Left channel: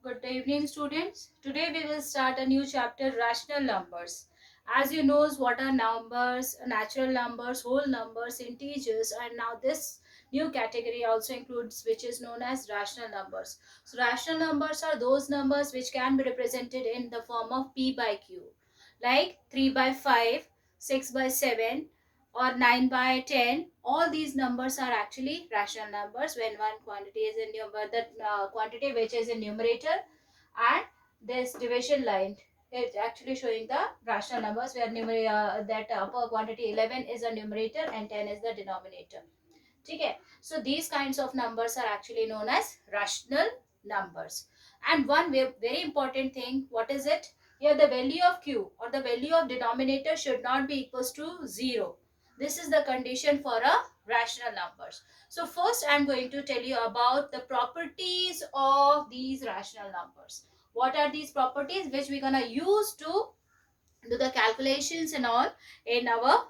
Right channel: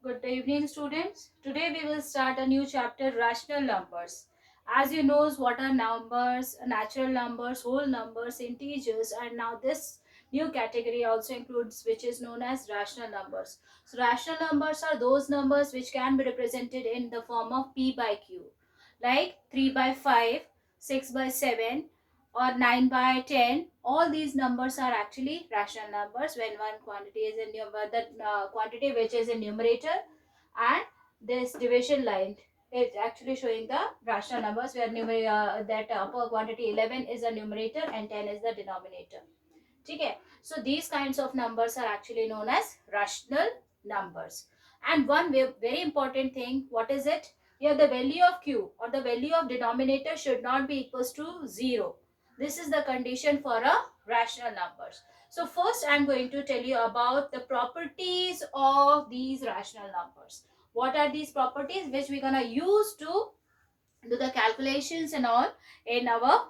Good evening, students. Today we will start a new chapter, rational numbers. As you know, what are numbers, natural numbers, whole numbers, integers, and now this new category also includes which is known as rational numbers. So rational numbers are those numbers which can be represented in the form of p by q, like 3 by 5, 6 by 7, or 9 by 10. All these numbers are actually rational numbers when one quantity is in the quantity which is in numerator, and this division line is actually showing the rational numbers where that upper quantity 11 is a numerator and 10 is the denominator. Okay, so these kinds of numbers are actually known as rational numbers. And one very important thing, what is it? Here the value of q or the value of denominator should not be equals to 0. This is the condition for a rational numbers. So first I'm going to tell you about the properties of these rational numbers. What are these properties which we're gonna use to do the calculations and all in our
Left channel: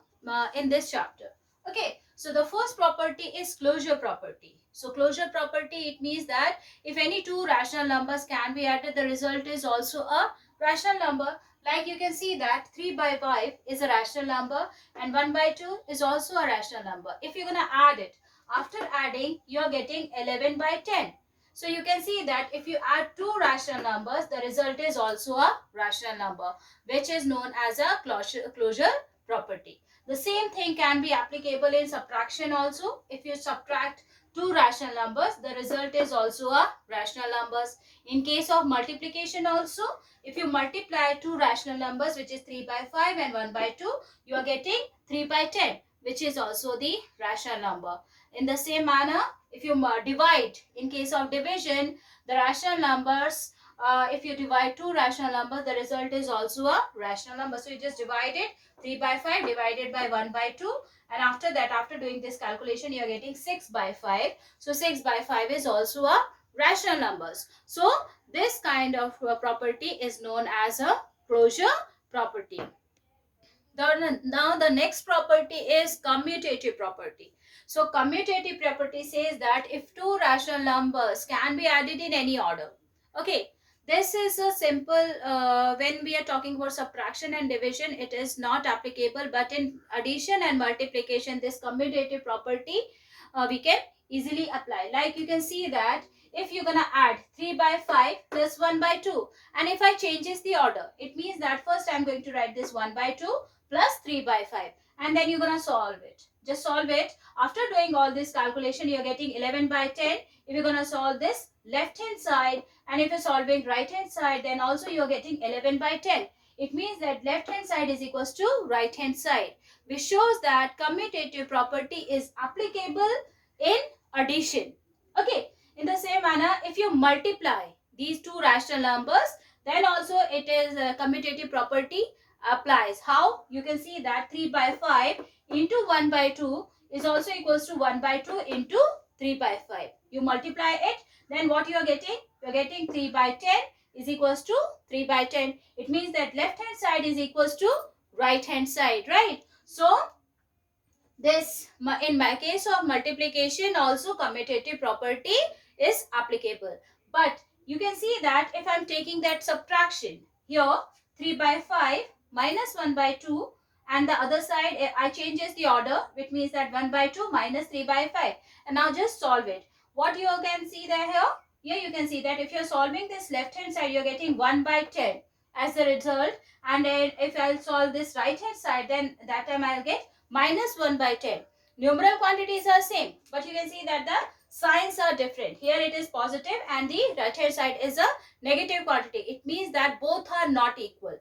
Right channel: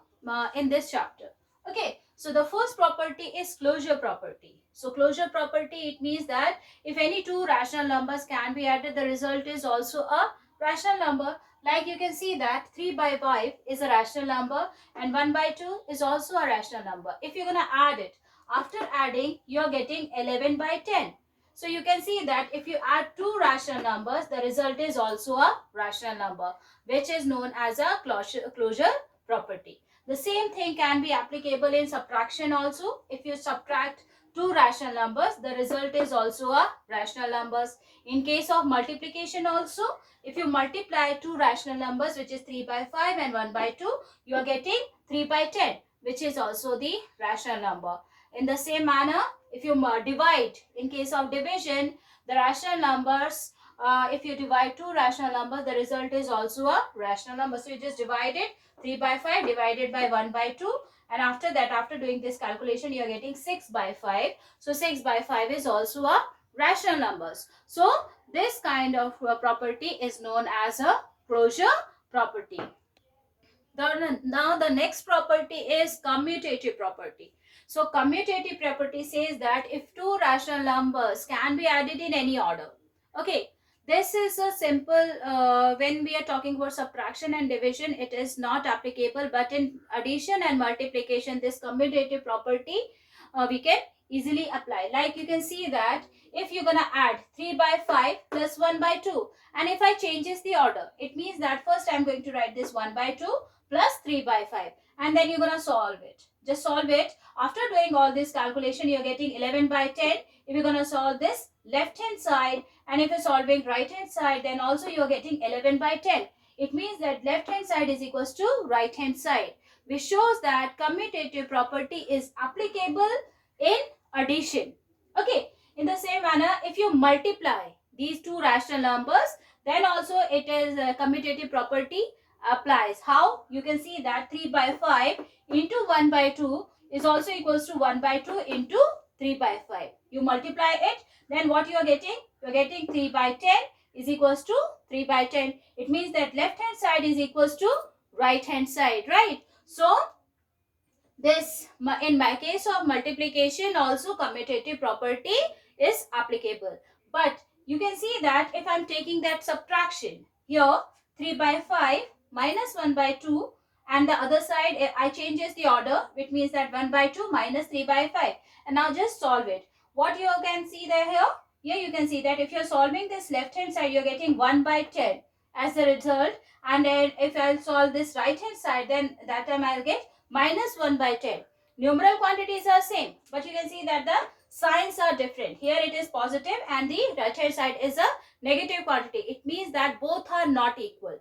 in this chapter. Okay, so the first property is closure property. So closure property, it means that if any two rational numbers can be added, the result is also a rational number. Like you can see that 3 by 5 is a rational number and 1 by 2 is also a rational number. If you're going to add it, after adding you're getting 11 by 10. So you can see that if you add two rational numbers, the result is also a rational number, which is known as a closure property. The same thing can be applicable in subtraction also. If you subtract two rational numbers, the result is also a rational numbers. In case of multiplication also, if you multiply two rational numbers, which is 3 by 5 and 1 by 2, you are getting 3 by 10, which is also the rational number. In the same manner, if you divide, in case of division, the rational numbers, if you divide two rational numbers, the result is also a rational number. So you just divide it, 3 by 5 divided by 1 by 2, and after that, after doing this calculation, you are getting 6 by 5. So 6 by 5 is also a rational numbers. So this kind of property is known as a closure property. Now the next property is commutative property. So commutative property says that if two rational numbers can be added in any order. Okay, this is a simple, when we are talking about subtraction and division, it is not applicable, but in addition and multiplication, this commutative property we can easily apply. Like you can see that if you're gonna add 3 by 5 plus 1 by 2, and if I changes the order, it means that first I'm going to write this 1 by 2 plus 3 by 5, and then you're gonna solve it. Just solve it. After doing all this calculation, you're getting 11 by 10. If you're gonna solve this left hand side, and if you're solving right hand side, then also you're getting 11 by 10. It means that left hand side is equals to right hand side, which shows that commutative property is applicable in addition. Okay, in the same manner, if you multiply these two rational numbers, then also it is a commutative property applies. How? You can see that 3 by 5 into 1 by 2 is also equals to 1 by 2 into 3 by 5. You multiply it, then what you are getting? You are getting 3 by 10 is equals to 3 by 10. It means that left hand side is equals to right hand side, right? So this, in my case of multiplication, also commutative property is applicable. But you can see that if I'm taking that subtraction, here 3 by 5 minus 1 by 2, and the other side I changes the order, which means that 1 by 2 minus 3 by 5. And now just solve it. What you can see there here? Here you can see that if you're solving this left hand side, you're getting 1 by 10 as the result. And then if I'll solve this right hand side, then that time I'll get minus 1 by 10. Numeral quantities are same, but you can see that the signs are different. Here it is positive and the right hand side is a negative quantity. It means that both are not equal.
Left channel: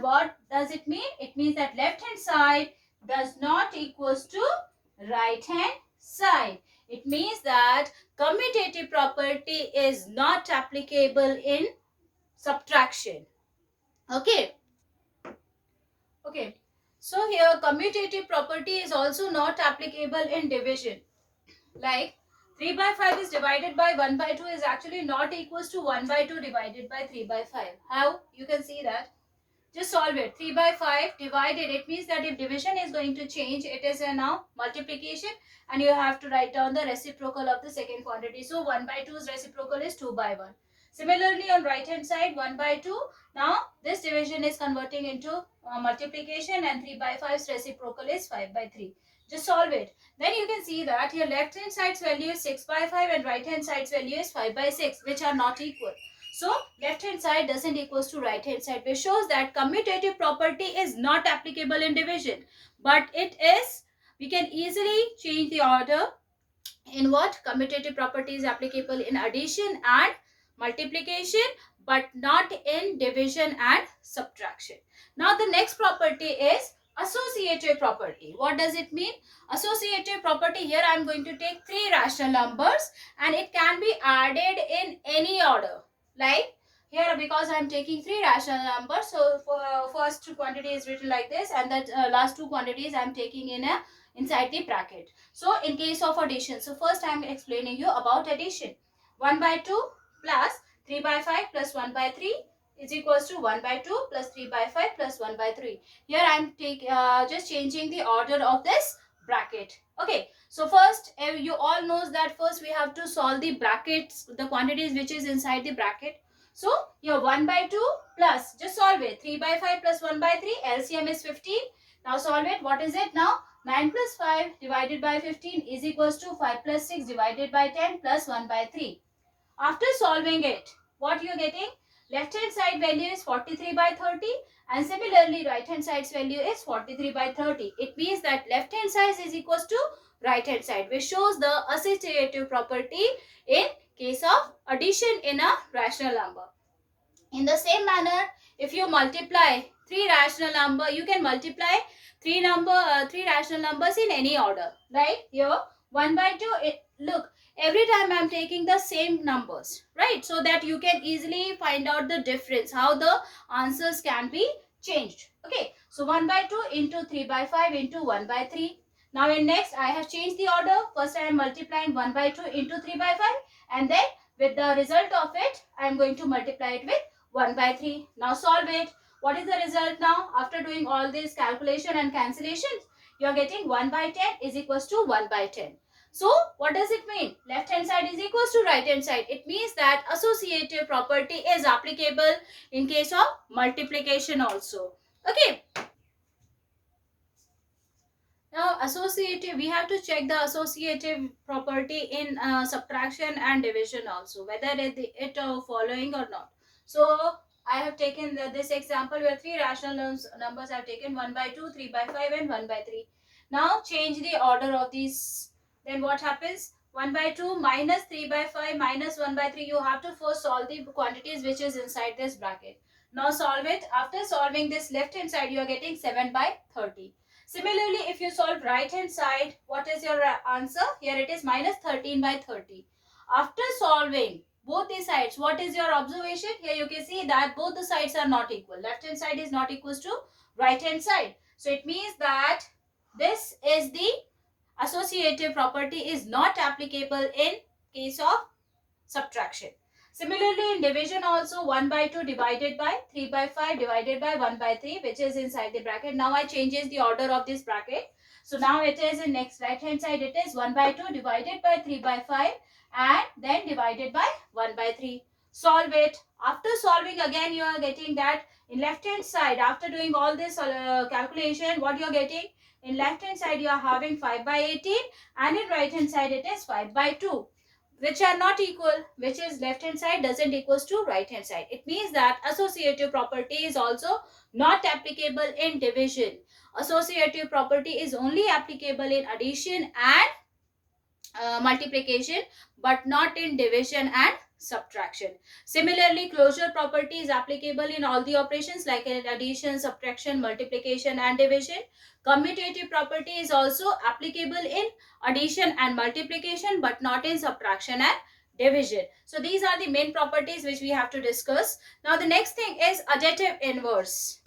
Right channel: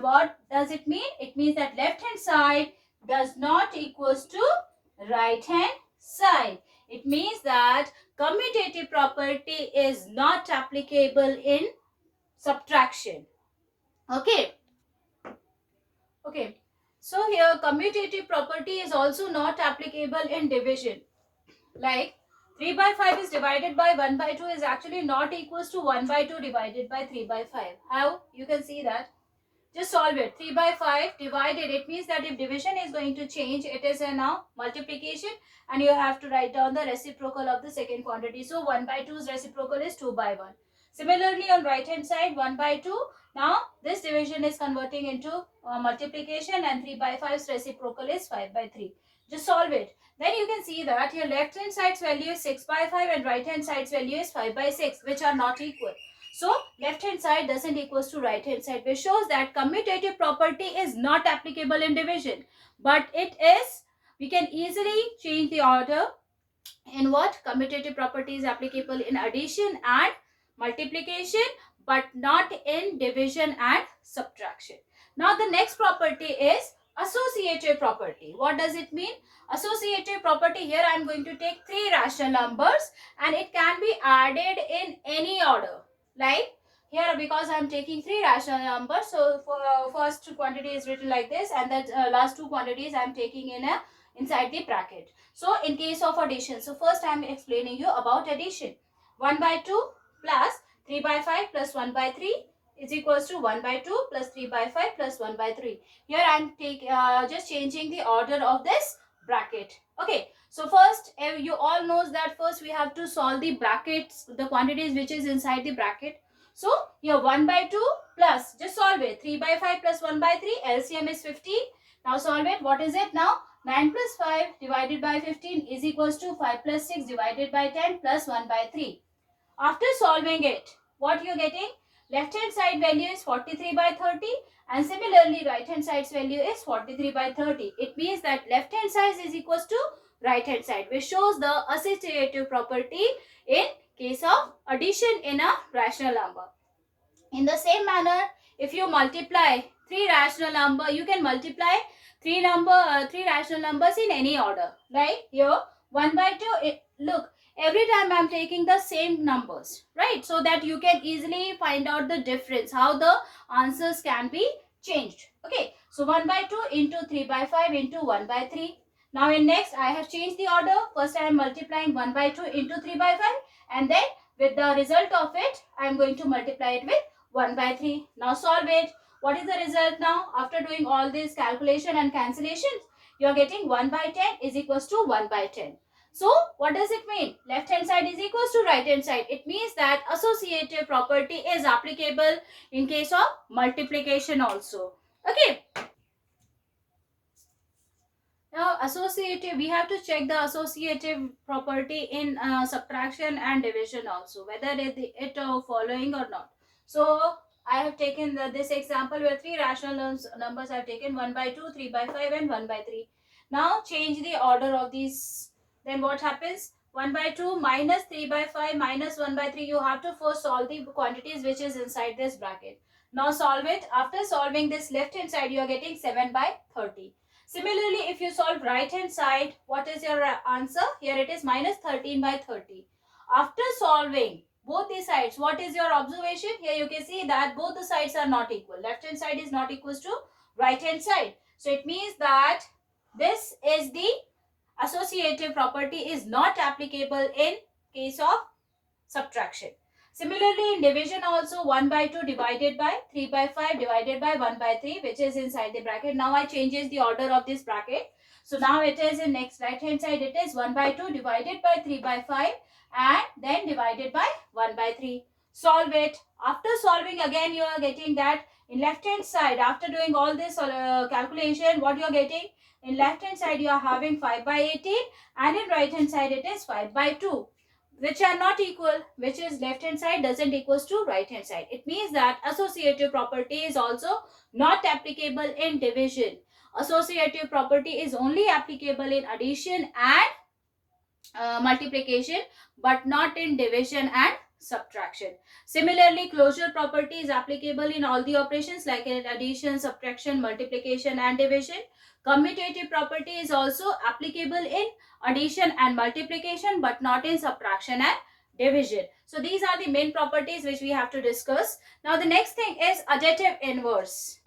What does it mean? It means that left hand side does not equals to right hand side. It means that commutative property is not applicable in subtraction. Okay. Okay. So here commutative property is also not applicable in division. Like 3 by 5 is divided by 1 by 2 is actually not equals to 1 by 2 divided by 3 by 5. How? You can see that. Just solve it. 3 by 5 divided. It means that if division is going to change, it is a now multiplication, and you have to write down the reciprocal of the second quantity. So 1 by 2's reciprocal is 2 by 1. Similarly, on right hand side, 1 by 2. Now, this division is converting into multiplication, and 3 by 5's reciprocal is 5 by 3. Just solve it. Then you can see that your left hand side's value is 6 by 5 and right hand side's value is 5 by 6, which are not equal. So, left hand side doesn't equals to right hand side, which shows that commutative property is not applicable in division. But it is, we can easily change the order. In what? Commutative property is applicable in addition and multiplication, but not in division and subtraction. Now the next property is associative property. What does it mean? Associative property, here I am going to take three rational numbers and it can be added in any order. Like here, because I am taking three rational numbers, so for first two quantity is written like this, and that last two quantities I am taking in a inside the bracket. So in case of addition, so first I am explaining you about addition. 1 by 2 plus 3 by 5 plus 1 by 3 is equals to 1 by 2 plus 3 by 5 plus 1 by 3. Here I am just changing the order of this bracket. Okay, so first you all knows that first we have to solve the brackets, the quantities which is inside the bracket. So here 1 by 2 plus, just solve it, 3 by 5 plus 1 by 3, LCM is 15. Now solve it. What is it now? 9 plus 5 divided by 15 is equals to 5 plus 6 divided by 10 plus 1 by 3. After solving it, what you are getting? Left hand side value is 43 by 30 and similarly right hand side's value is 43 by 30. It means that left hand side is equals to right hand side, which shows the associative property in case of addition in a rational number. In the same manner, if you multiply three rational number, you can multiply three rational numbers in any order. Right? Here 1 by 2, look, every time I am taking the same numbers, right? So that you can easily find out the difference, how the answers can be changed. Okay, so 1 by 2 into 3 by 5 into 1 by 3. Now in next, I have changed the order. First I am multiplying 1 by 2 into 3 by 5 and then with the result of it, I am going to multiply it with 1 by 3. Now solve it. What is the result now? After doing all this calculation and cancellations, you are getting 1 by 10 is equals to 1 by 10. So, what does it mean? Left hand side is equals to right hand side. It means that associative property is applicable in case of multiplication also. Okay. Now, associative, we have to check the associative property in subtraction and division also, whether it following or not. So, I have taken this example where three rational numbers I have taken 1 by 2, 3 by 5 and 1 by 3. Now, change the order of these. Then what happens? 1 by 2 minus 3 by 5 minus 1 by 3. You have to first solve the quantities which is inside this bracket. Now, solve it. After solving this left hand side, you are getting 7 by 30. Similarly, if you solve right hand side, what is your answer? Here it is minus 13 by 30. After solving both the sides, what is your observation? Here you can see that both the sides are not equal. Left hand side is not equal to right hand side. So it means that this is the associative property is not applicable in case of subtraction. Similarly, in division also 1 by 2 divided by 3 by 5 divided by 1 by 3, which is inside the bracket. Now I changes the order of this bracket. So now it is in next right hand side, it is 1 by 2 divided by 3 by 5 and then divided by 1 by 3. Solve it. After solving again, you are getting that in left hand side, after doing all this calculation, what you are getting? In left hand side, you are having 5 by 18 and in right hand side, it is 5 by 2. Which are not equal, which is left hand side doesn't equals to right hand side. It means that associative property is also not applicable in division. Associative property is only applicable in addition and multiplication, but not in division and subtraction. Similarly, closure property is applicable in all the operations like in addition, subtraction, multiplication and division. Commutative property is also applicable in addition and multiplication, but not in subtraction and division. So these are the main properties which we have to discuss. Now the next thing is additive inverse.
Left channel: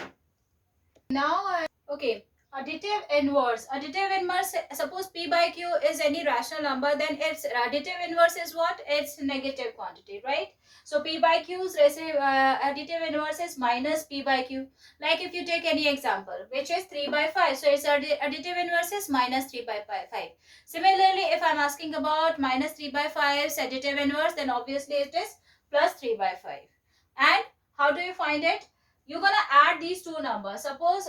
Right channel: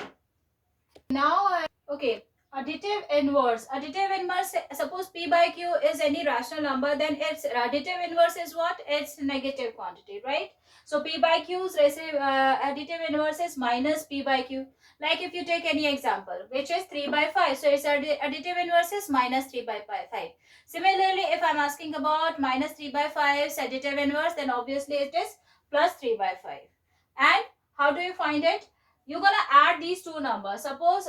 Now, okay, additive inverse. Additive inverse, suppose P by Q is any rational number, then its additive inverse is what? It's negative quantity, right? So P by Q's additive inverse is minus P by Q. Like if you take any example, which is 3 by 5. So its additive inverse is minus 3 by 5. Similarly, if I'm asking about minus 3 by 5's additive inverse, then obviously it is plus 3 by 5. And how do you find it? You're going to add these two numbers. Suppose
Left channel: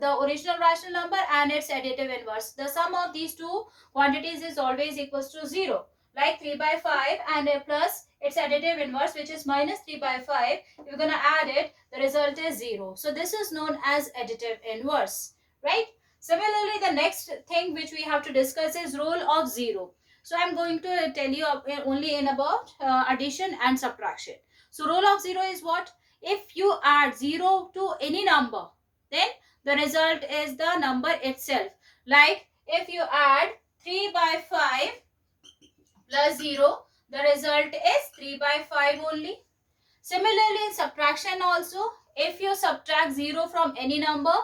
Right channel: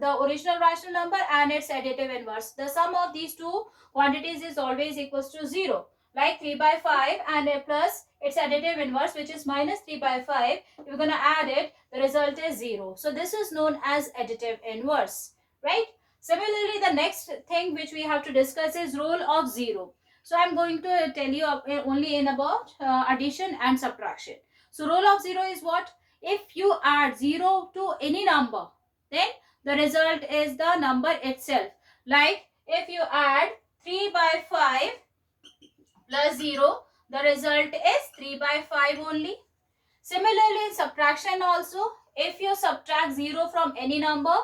the original rational number and its additive inverse. The sum of these two quantities is always equals to 0. Like 3 by 5 and a plus its additive inverse, which is minus 3 by 5. You're going to add it. The result is 0. So this is known as additive inverse. Right? Similarly, the next thing which we have to discuss is rule of 0. So I'm going to tell you only in about addition and subtraction. So rule of 0 is what? If you add 0 to any number, then the result is the number itself. Like if you add 3 by 5 plus 0, the result is 3 by 5 only. Similarly, in subtraction also, if you subtract 0 from any number,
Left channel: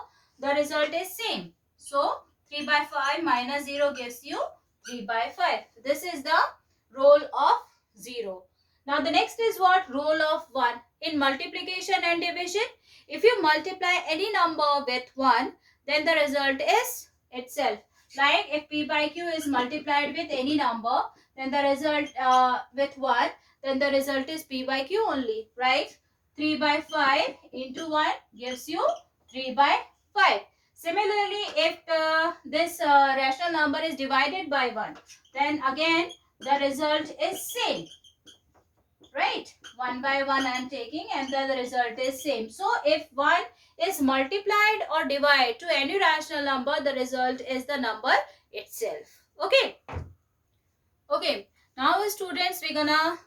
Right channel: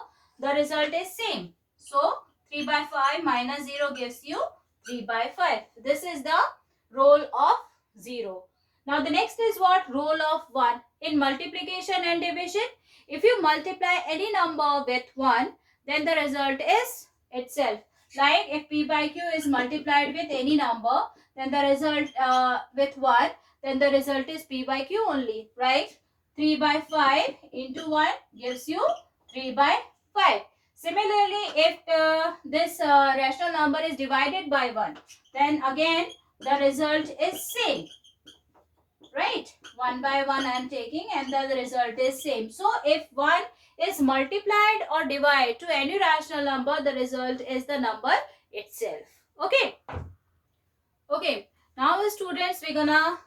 the result is same. So, 3 by 5 minus 0 gives you 3 by 5. This is the role of 0. Now, the next is what? Role of 1. In multiplication and division, if you multiply any number with 1, then the result is itself. Like if p by q is multiplied with any number, then the result with 1, then the result is p by q only, right? 3 by 5 into 1 gives you 3 by 5. Similarly, if this rational number is divided by 1, then again the result is same, right? 1 by 1 I am taking and the result is same. So, if 1 is multiplied or divided to any rational number, the result is the number itself. Okay. Okay. Now, students, we're gonna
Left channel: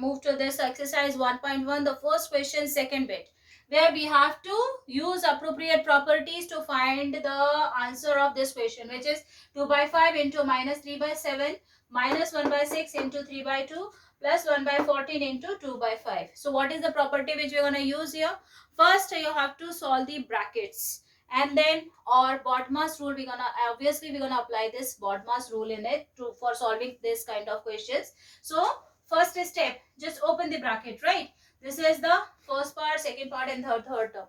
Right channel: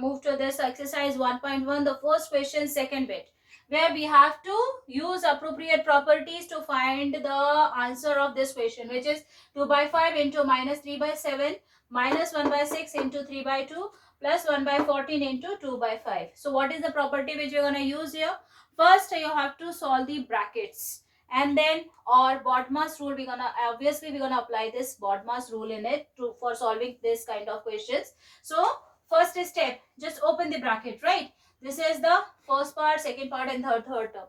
move to this exercise 1.1, the first question, second bit, where we have to use appropriate properties to find the answer of this question, which is 2 by 5 into minus 3 by 7 minus 1 by 6 into 3 by 2 plus 1 by 14 into 2 by 5. So, what is the property which we're gonna use here? First, you have to solve the brackets. And then or BODMAS rule, we're gonna apply this BODMAS rule in it for solving this kind of questions. So first step, just open the bracket, right? This is the first part, second part and third term.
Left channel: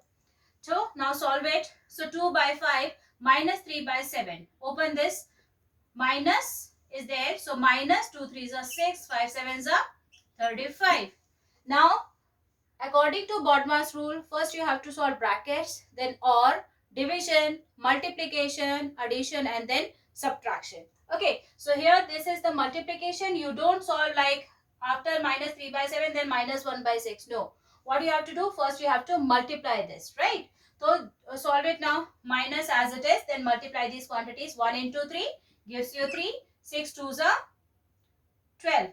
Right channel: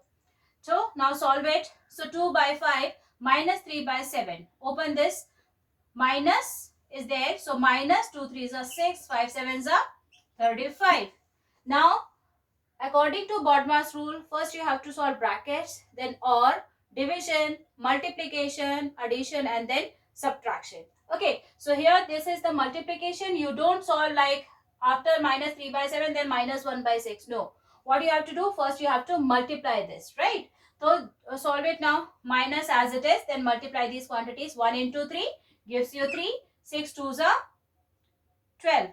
So now solve it. So 2 by 5 minus 3 by 7. Open this. Minus is there. So minus 2 3s are 6, 5 7s are 35. Now according to BODMAS rule, first you have to solve brackets, then or, division, multiplication, addition and then subtraction. Okay, so here this is the multiplication. You don't solve like after minus 3 by 7 then minus 1 by 6. No. What you have to do, first you have to multiply this, right? So solve it now. Minus as it is, then multiply these quantities. 1 into 3 gives you 3. 6 2s are 12.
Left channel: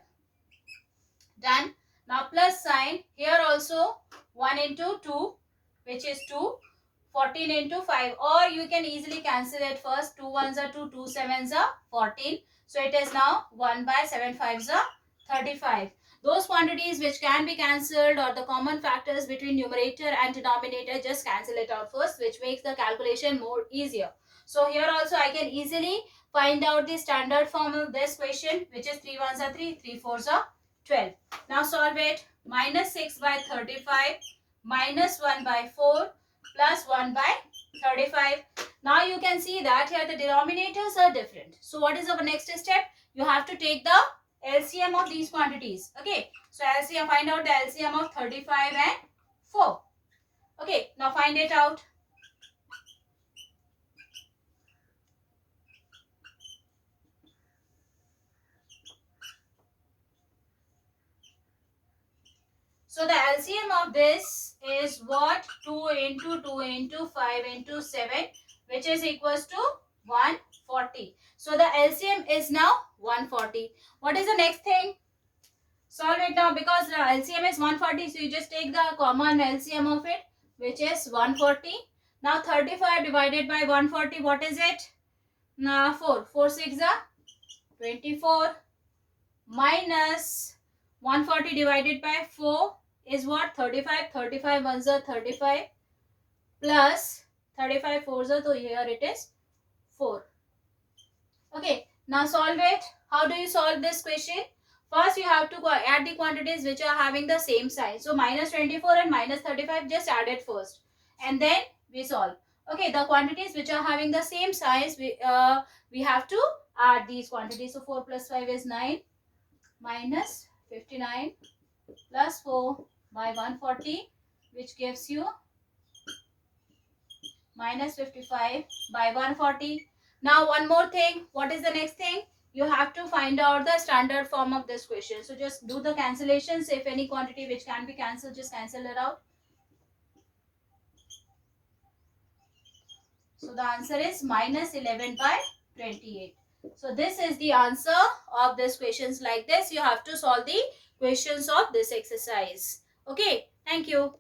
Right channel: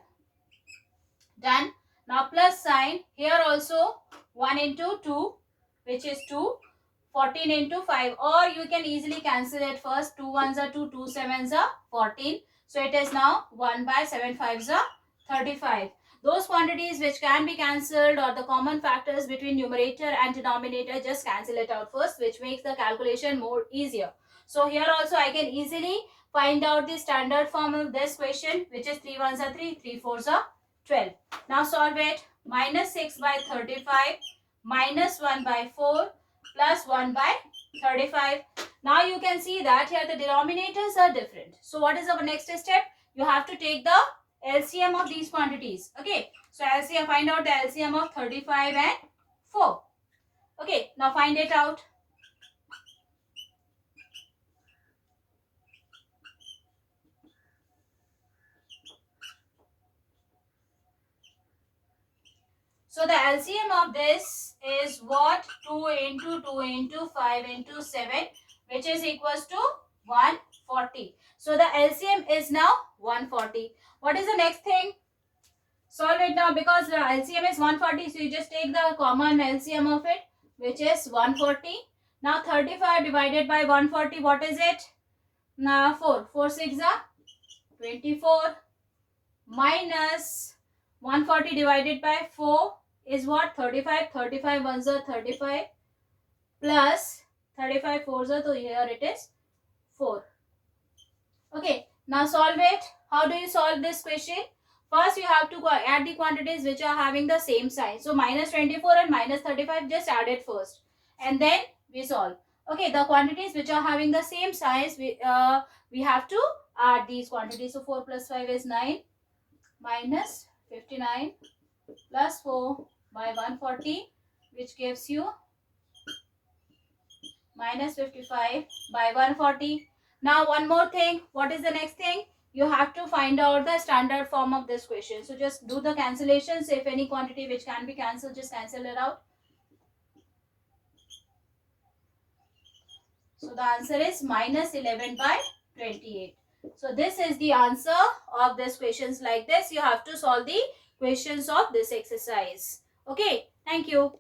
Done. Now plus sign. Here also 1 into 2, which is 2. 14 into 5, or you can easily cancel it first. 2 1s are 2, 2 7s are 14. So it is now 1 by 7 5s are 35. Those quantities which can be cancelled or the common factors between numerator and denominator, just cancel it out first, which makes the calculation more easier. So here also I can easily find out the standard form of this question, which is 3 1s are 3, 3 4s are 12. Now solve it. Minus 6 by 35 minus 1 by 4 plus 1 by 35. Now you can see that here the denominators are different. So what is our next step? You have to take the LCM of these quantities. Okay. So LCM, find out the LCM of 35 and 4. Okay. Now find it out. So the LCM of this is what? 2 into 2 into 5 into 7, which is equals to 140. So the LCM is now 140. What is the next thing? Solve it now, because the LCM is 140. So you just take the common LCM of it, which is 140. Now 35 divided by 140, what is it? Now 4. 4 6 are 24 minus 140 divided by 4 is what? 35. 35 ones are 35 plus 35 fours are, so here it is 4. Okay, now solve it. How do you solve this question? First, you have to add the quantities which are having the same sign. So minus 24 and minus 35, just add it first, and then we solve. Okay, the quantities which are having the same size, we have to add these quantities. So 4 plus 5 is 9 minus 59 plus 4 by 140, which gives you minus 55 by 140. Now one more thing. What is the next thing? You have to find out the standard form of this question. So just do the cancellations. If any quantity which can be cancelled, just cancel it out. So the answer is minus 11 by 28. So this is the answer of this questions. Like this, you have to solve the questions of this exercise. Okay, thank you.